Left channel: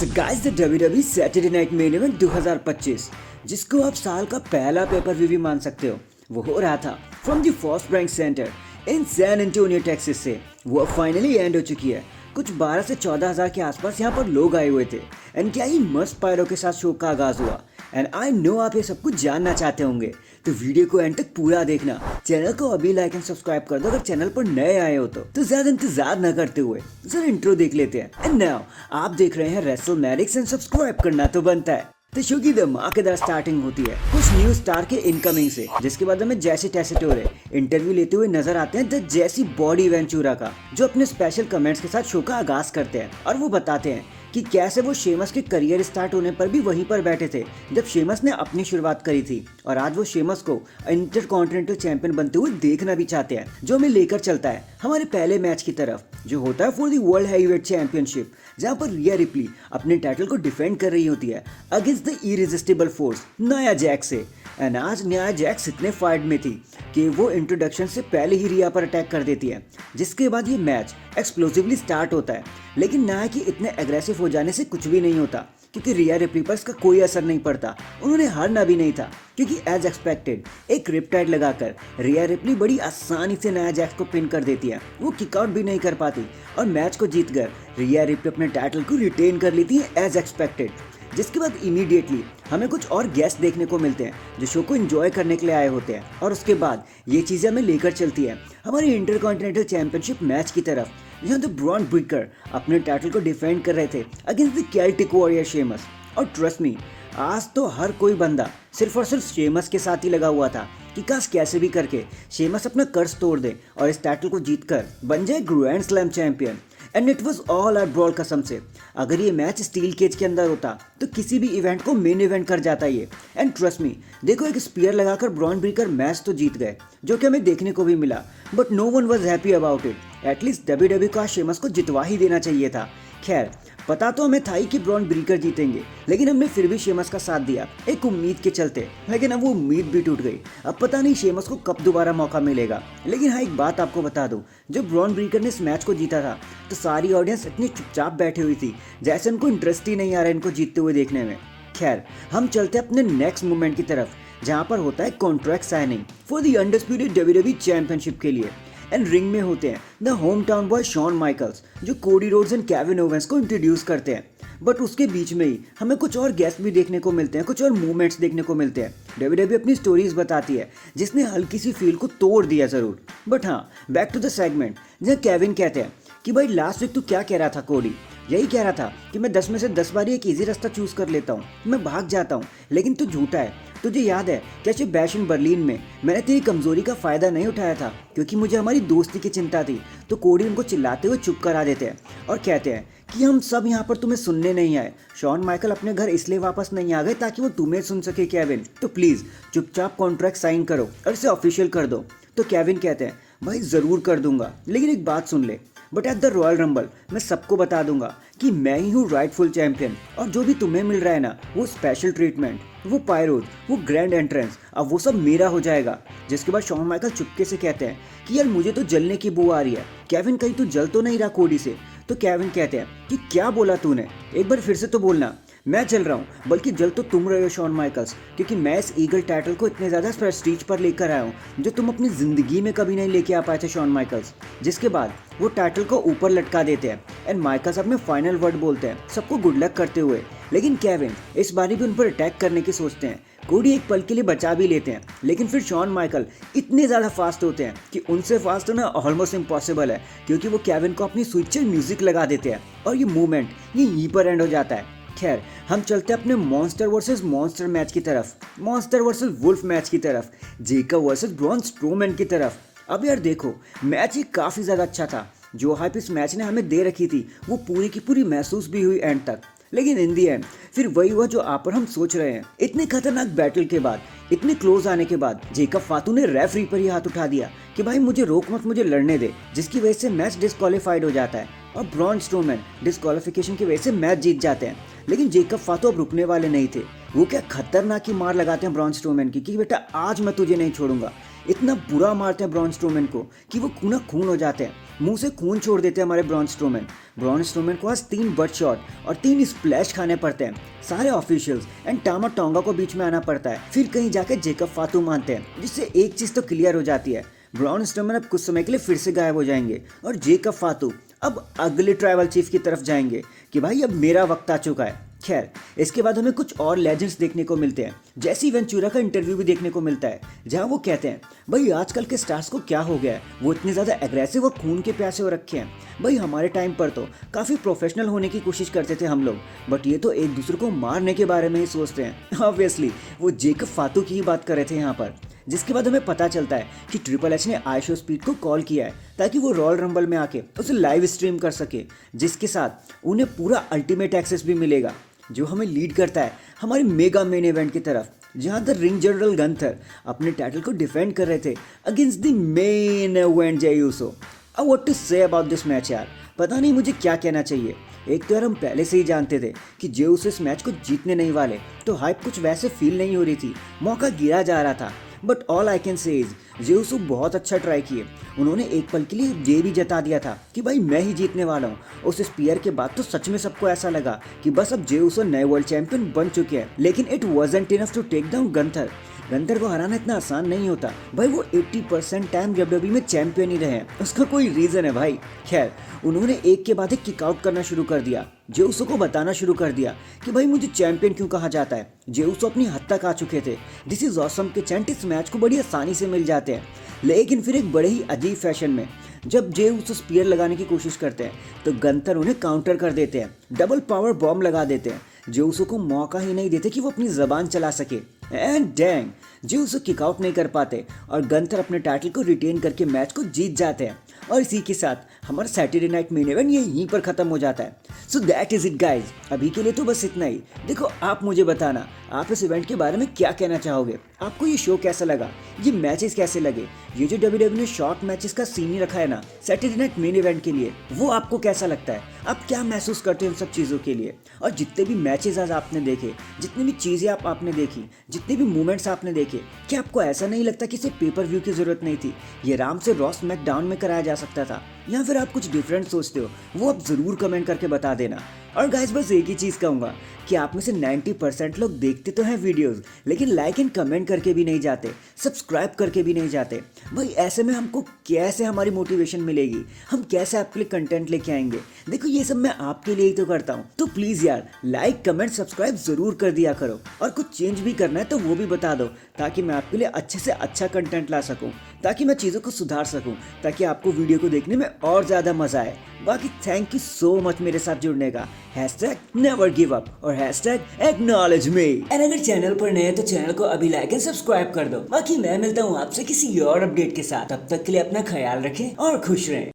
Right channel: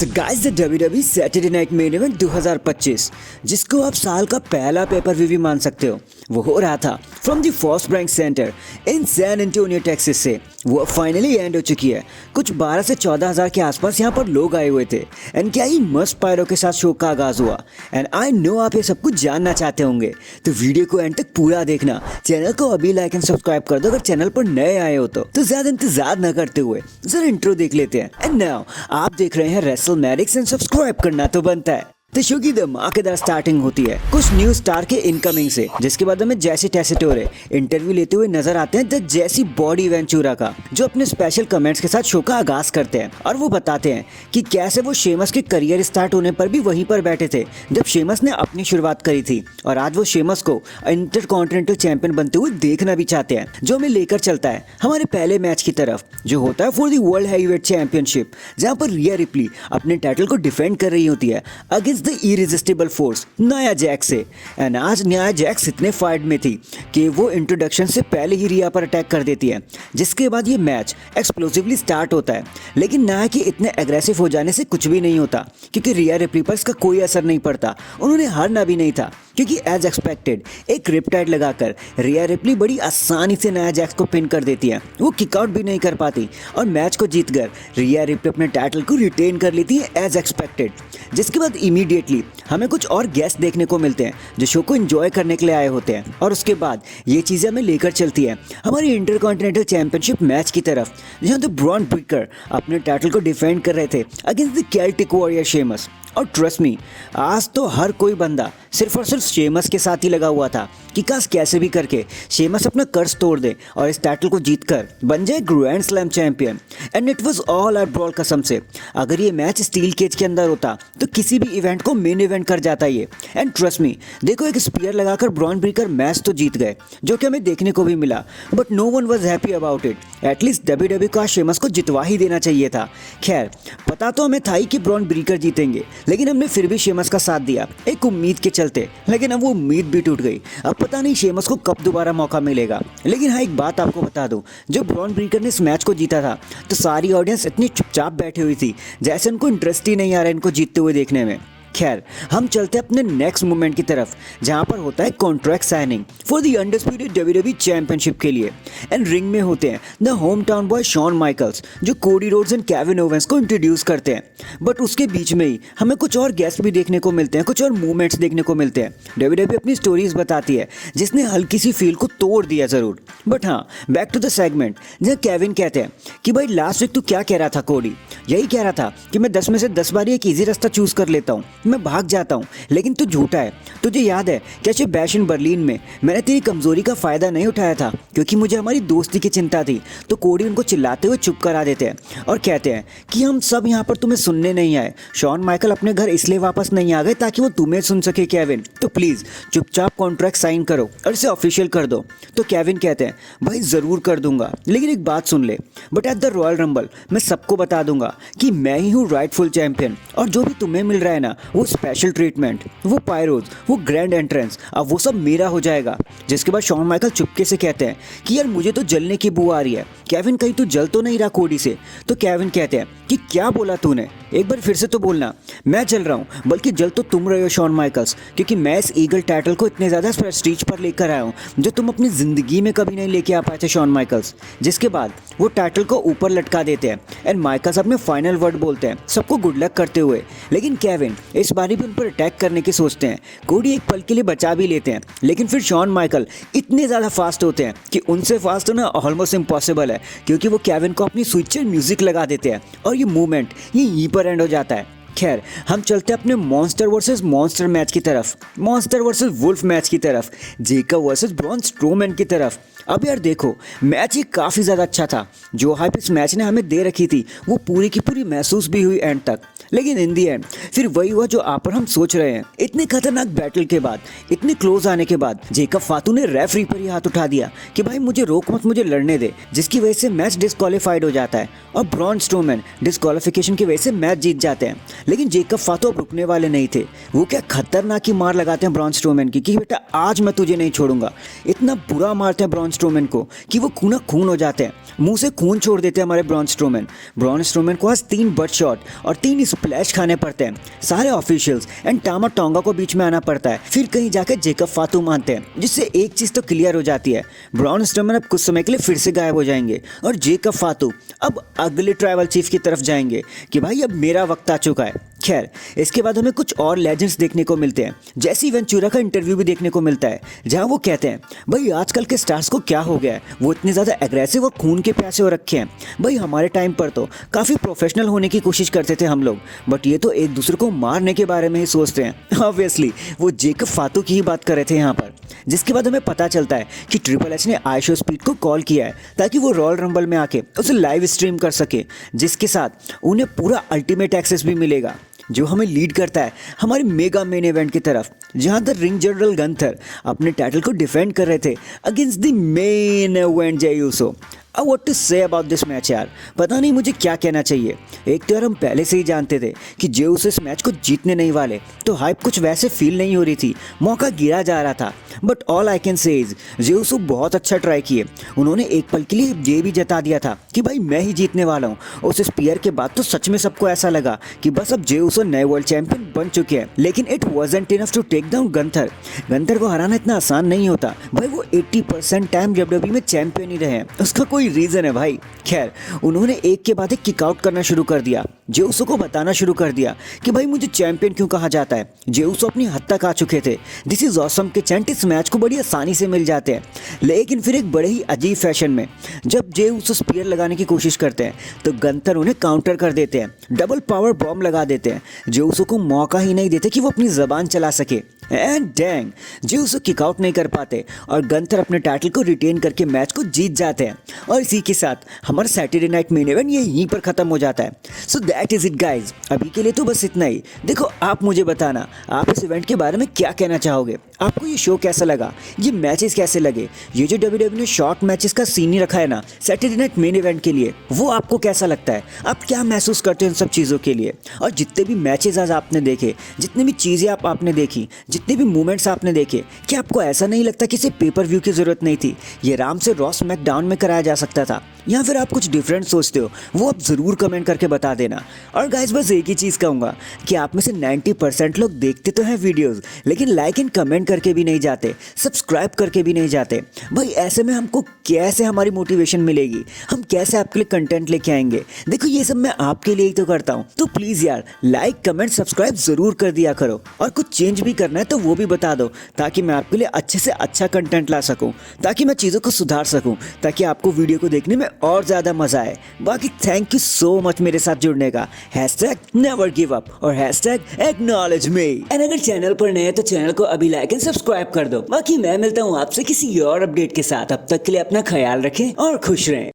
So guys, the WWE Saturday Night Main Event 2025 जिसको आप साल का पहला पेपर व्यू भी मान सकते हो, वो हो रहा था from the First Bank Center in San Antonio Texas से। वो फाइनली एंड हो चुकी है। कुछ 12 से 14 हज़ार के आसपास यहाँ पर लोग आए हुए थे एंड क्या ही मस्त पायरो के साथ शो का आगाज हुआ। एंड आई नो आप ये सब कुछ जानना चाहते होंगे, तो वीडियो को एंड तक पूरा देखना। चैनल को अभी लाइक एंड सब्सक्राइब कर दो अगर चैनल पर नए आए हो तो ज्यादा इंतजार न करते हुए जरा इंट्रो देख लेते हैं। एंड नाउ आप देख रहे हैं रेसलमैनिक्स एंड सब्सक्राइब करना तो बनता है। तो शो की धमाकेदार स्टार्टिंग होती है कुछ न्यू स्टार के इनकमिंग से, जिसके बाद हमें जैसी टेसेटोरे इंटरव्यू लेते हुए नजर आते हैं द जैसी बॉडी वेंचुरा का, जो अपने स्पेशल कमेंट्स के साथ शो का आगाज करते हैं और वो बताते हैं कि कैसे वो शेमस के करियर स्टार्ट होने पर भी वहीं पर बैठे थे जब शेमस ने अपनी शुरुआत करी थी, और आज वो शेमस को इंटरकॉन्टिनेंटल चैंपियन बनते हुए देखना भी चाहते हैं, जो हमें लेकर चलता है हमारे पहले मैच की तरफ, जो होता है for the world heavyweight championship, जहाँ पर रिया रिप्ली अपने टाइटल को डिफेंड कर रही होती है अगेंस्ट द इरेजिस्टिबल फोर्स न्या जैक्स से। एंड आज न्या जैक्स इतने फाइट में थी कि वो इंट्रोडक्शन से पहले ही रिया पर अटैक कर देती है, जिसके बाद ये मैच एक्सप्लोसिवली स्टार्ट होता है। लेकिन न्या के इतने एग्रेसिव हो जाने से कुछ भी नहीं होता, क्योंकि रिया रिप्ली पर इसका कोई असर नहीं पड़ता। उन्होंने हारना भी नहीं था, क्योंकि एज एक्सपेक्टेड एक रिपटाइड लगाकर रिया रिप्ली बड़ी आसानी से न्या जैक्स को पिन कर देती है। वो किकआउट भी नहीं कर पाती और मैच को जीतकर रिया रिप्ली अपने टाइटल को रिटेन कर लेती है एज एक्सपेक्टेड। जिसके बाद इमीडिएटली हमें कुछ और गेस्ट देखने को मिलते हैं जो शो को एंजॉय करने के लिए आए होते हैं, और उसके बाद ये चीज़ें हमें लेकर चलती है हमारी इंटरकॉन्टिनेंटल चैंपियनशिप मैच की तरफ, जहाँ द ब्रॉन ब्रेकर अपने टाइटल को डिफेंड कर रहे थे against the Celtic warrior Sheamus. और ट्रस्ट मी, आज तो हर कोई बंदा सिर्फ और सिर्फ शेमस के साथ ही लगा हुआ था कि काश कैसे भी करके शेमस अपना कर्ज तोड़ दे और इस टाइटल को जीतकर बन जाए grand slam champion. And it was all out brawl कसम से। अगर ये मैच स्टील केज के अंदर होता तो किसी भी इवेंट को मेन इवेंट कर जाता ये। एंड ट्रस्ट मी, देखो एक स्पीयर लगाकर ब्रॉन ब्रेकर मैच तो जीत गए, जो कि हमें देखने को भी मिला, but no one was happy about it. At least WWE को शेमस को जितवा ही देना चाहिए था। खैर, पता तो हमें था ही कि ब्रॉन ब्रेकर जीतेंगे, लेकिन हमने फिर भी शेमस का साथ दिया एक उम्मीद के चलते। लेकिन अब वो उम्मीद भी टूट गई। अब पता नहीं शेमस को कब दोबारा मौका मिलेगा। लेकिन हाँ, एक बात आपको बता दूं, जब ब्रॉन ब्रेकर ने इस मैच को जीता था तो सारी ऑडियंस इतनी चुपचाप बैठी हुई थी जैसे उनको इंटरेस्ट ही नहीं आ रहा इनको जीतते हुए देखने में। खैर, हम चलते हैं अपने नेक्स्ट मूवमेंट की तरफ, जहां पर होता है contract signing for the undisputed WWE championship के लिए। एंड रिंग में होते हैं the home town boy Shawn Michaels, जो Cody Rhodes and Kevin Owens को इंट्रोड्यूस करते हैं। बट उसके बीच में ही हमें कुछ और गेस्ट भी देखने को मिलते हैं, कुछ और मूवमेंट्स देखने को मिलते हैं। डब्ल्यूडब्ल्यूई अपनी स्टोरीज बताती है जिसने हल्की सी फील को तोड़ दिया जरूर। बट हाँ, बैक टू द सेगमेंट, जहाँ केविन कहते हैं कि भाई लास्ट वीक तू क्या कह रहा था कोडी? यही कह रहा था कि मैं 10 में से 10 बार एक ईजी रास्ता चूज कर लेता हूँ, मैं भाग जाता हूँ, लेकिन तू झूठा है। तुझे याद है कैसे बैश इन बर्लिन में मैंने तेरी कमजोरी का फायदा नहीं उठाया था, क्योंकि मुझे हमारी दोस्ती की चिंता थी। तो कोडी उनको चिल्लाते हुए चुप करा देते हैं और कहते हैं कि हम सब यहाँ पर तुम्हें सुनने नहीं आए। शॉन माइकल अपने घर इसलिए वापस नहीं आ गए ताकि वो तुम्हें सुन सके केविन, तो प्लीज चुपचाप कॉन्ट्रैक्ट साइन करो और इसे ऑफिशियल कर दो। तो केविन कहते हैं भाई जरूर कर दूंगा, लेकिन एक बात सुन ले, but at the royal rumble मैं सबको बता दूंगा कि मैं ही हूँ राइटफुल चैंपियन, और जो भी तुम्हें मिल रहा है ना, वो स्पेशल ट्रीटमेंट, वो पायरोज, वो ग्रैंड एंट्रेंस, अब वो सब मेरा हो जाएगा। जिसके बाद शॉन माइकल चुपके से कहते हैं कि यार मुझे तो जलने की बू आ रही है। केविन कहीं तू जल तो नहीं रहा कोडी से? तो केविन कहते हैं कि क्या बोला तूने, एक बार फिर से तो बोलना। मैं जल रहा हूँ, बल्कि जल तो तुम रहे हो शॉन माइकल्स, क्योंकि मैं इस ईगल टाइटल को इतने ज़्यादा प्रेस्टीज पर लेकर आया हूँ जो तुम अपनी ज़िंदगी में कभी नहीं लेके आ पाए थे शॉन माइकल्स। जिसके बाद वो टाइटल को ऊपर लटका देते हैं एंड माइकल्स अपने फाइनल वर्ड बोलते हैं सबको गुड लक करते हुए। लेकिन केविन इस बारी भी उन पर अटैक करने की सोचते हैं। कोडी एक पल के लिए बचा भी लेते हैं, लेकिन फिर शॉन माइकल इतने ज़्यादा फास्ट होते हैं कि उनसे फास्ट होना ऑलमोस्ट इम्पॉसिबल है, क्योंकि वो केविन को अपनी स्विच से म्यूजिक लगा देते हैं और ये मूवमेंट यहीं पर एंड हो जाता है। खैर, हम चलते हैं अपने मॉन्स्टर वर्सेस मॉन्स्टर मैच की तरफ, मॉन्स्टर वर्सेस वुल्फ मैच की तरफ, जेकब वर्सेस ब्रॉन स्ट्रोमैन की तरफ। अब यार देखो, मैच ही काफ़ी ज़्यादा अच्छा था। जो हाइप इस मैच ने हमें दे रखी थी वो पूरी की पूरी महसूस भी हुई एंड तक। लेकिन इन दी एंड फिर वही हुआ जो आप और हम सोच रहे हैं। इतने खतरनाक बैटल के बाद, इतने क्लोज आने के बाद जेकब फातू ने रेफरी पर ही हाथ उठा दिया कि भाई मुझे रोक मत, मुझे लड़ने दे, जिसकी वजह से मैच डिस्क्वालीफाइड हो जाता है और ब्रॉन स्ट्रोमैन डिस्क्वालिफिकेशन की वजह से मैच जीत जाते हैं। लेकिन जेकब फातू अब रुकने वाले नहीं थे। वो क्या खतरनाक ही मार लगाते हैं ब्रॉन स्ट्रोमैन की कि बेटा आज मैं तुझे नहीं छोड़ूंगा। इतना बुरा मारते हैं ब्रॉन स्ट्रोमैन को कि वो खूना खून हो जाते हैं, मुंह से खून छोड़ देते हैं हमारे ब्रॉन स्ट्रोमैन। ब्रॉन स्ट्रोमैन को आज 3 बट शॉट और 3 स्प्लैश खाने पड़ते हैं, सारे ऑफिशियल्स एंड टामा टोंगा को बीच में आना पड़ता है, फिर कहीं जाकर जेकब फातू मानते हैं, जिससे एक चीज तो क्लियर हो जाती है, ब्रॉन स्ट्रोमन अब कुछ समय के लिए फिर से गायब हो जाएंगे और जेकब फातू अब अगले ट्राइबल चीफ की तरफ जाएंगे कि भाई अब मेरा वक्त आ चुका है। खैर, इसके बाद हमें कुछ और लेजेंड्स देखने को मिलते हैं, जैसे वेंचुरा का इंटरव्यू भी देखने को मिलता है, जहां वो कहते हैं भाई आजकल के स्टार्स को क्या हो गया है, वो इतने ज़्यादा एग्रेसिव और खून के प्यासे हो रखे हैं। भाई हमारे टाइम पर तो काफ़ी प्रोफेशनल होने की कोशिश करते थे हम लोग, बट ये तो एक दूसरे को मारने के बारे में ही सोचते हैं। ऑब्वियसली वो जेकब फातू की ही बात कर रहे थे यहाँ पर। जिसके बाद हमें पता चलता है कि ट्रिपल एच ने आइशो स्पीड को कॉल किया है ताकि वो रॉयल रंबल में आके उसे लाइव स्ट्रीम कर सके, जिसके साथ उन्हें पूरा अल्टीमेट एक्सेस भी मिलेगा, जो हमें लीड करता है हमारे मेगा मेन इवेंट की तरफ, जहां द रिंग जनरल गंथर अपने टाइटल को डिफेंड कर रहे थे against the main event Jey Uso. अब what to say about this match यार, पता नहीं मुझे क्या कहना चाहिए। एक तो यार हम पहले से ही जानते थे कि जे यूसो इस मैच को जीतने नहीं वाले, तो हाइप कुछ वैसे फील नहीं हो रही थी, मौका गिरा जा रहा था। But all I can say is J Uso बहुत अच्छा ट्राई किए। उन्होंने एक पल के लिए ये भी जता दिया था कि भाई मैं ही जीतने वाला हूँ। उस स्पीयर के बाद तो सच में सबको ऐसा लगा कि बस अब जे यूसो नए वर्ल्ड चैंपियन बन चुके हैं। लेकिन it wasn't enough to take down Gunther. Gunther को हराना इतना आसान नहीं होता भाई, वो 80% टाइम डब्ल्यूडब्ल्यू में चैंपियन ही रहे हैं, उसका कोई रीजन है भाई। खैर, उन्होंने एक के बाद एक किक आउट करना शुरू कर दिया, जे यूसो को बताना शुरू कर दिया कि भाई मुझे चैंपियन क्यों कहा जाता है। जे यूसो अपनी हद तक आ चुके थे, दिस इज ऑसम के चैंट इस मैच को बड़ी आसानी से मिल जाते हैं। लेकिन फिर एक बड़े ही अजीब फैशन में जब जे यूसो स्पीयर लगाने की कोशिश करते हैं तो गंथर उन्हें काउंटर कर देते हैं, डबल पावर बॉम्ब लगा देते हैं। जे यूसो को मौका ही नहीं देते कि वो अपनी जबान चला सके and dang J Uso kick out नहीं कर पाते और गंथर अपने टाइटल को रिटेन करके मैच को जीत जाते हैं। और इसी के साथ हमारा सैटरडे नाइट मेन इवेंट ये यहीं पर खत्म हो जाता है। So that is it guys, अभी के लिए तो बस इतना ही। देखो, आप मुझे बताना आप इस इवेंट के बारे में क्या कहना चाहोगे, आपको ये शो कैसा लगा, ये मैचेस कैसे लगे, ये जो डब्ल्यूडब्ल्यू ने शॉर्ट मैचेस का सीन ही रखा है ना सैटरडे नाइट मेन इवेंट के लिए, वो आपको कैसा लगता है, आप क्या महसूस करते हो इन सब चीज़ों के लिए। और जितने भी मैचेस आज आपने देखे, जितनी भी चीज़ें आपने देखी, जितने भी मूवमेंट्स आपने देखे, क्या आपको ऐसा नहीं लगता कि इसे पेपर व्यू की जरूरत नहीं थी, ये आराम से रॉ स्मैकडाउन में कराया जा सकता था, या फिर आप कुछ डिफरेंट सोचते हो, वो आप ज़रूर कमेंट करके बता देना। और गाइस बस एक ही चीज़ कहूँगा कि आप में से 90% लोग देखते तो हैं वीडियोस, लेकिन लाइक एंड कमेंट करके भी नहीं जाते, सब्सक्राइब करके भी नहीं जाते। भाई ऐसे में हमको कैसे हमारी मोटिवेशन मिलेगी, हम कैसे आपके लिए कंटेंट लेके आएंगे। देखो ये सब मैं आपके लिए ही तो करता हूँ, तो प्लीज़ यार लाइक कमेंट सब्सक्राइब ज़रूर कर दिया करो। और कुछ चेंज भी करना है तो वो भी बता दो, ताकि मैं आपके लिए अच्छे से अच्छा कंटेंट ला सकूँ, ताकि मैं चीज़ों को सुधार सकूँ, ताकि आपको वीडियो को देखने में और ज़्यादा मज़ा आए। बाकी थैंक यू सो मच मेरे साथ जुड़ने का। #never give up और #acknowledge me। एंड अगर चैनल पर नए हैं तो चैनल को अभी लाइक एंड सब्सक्राइब कर दो। बाकी मैं मिलता हूँ आपसे किसी और अपडेट के साथ, अब तक के लिए अपना ख्याल रखें और खुश रहें।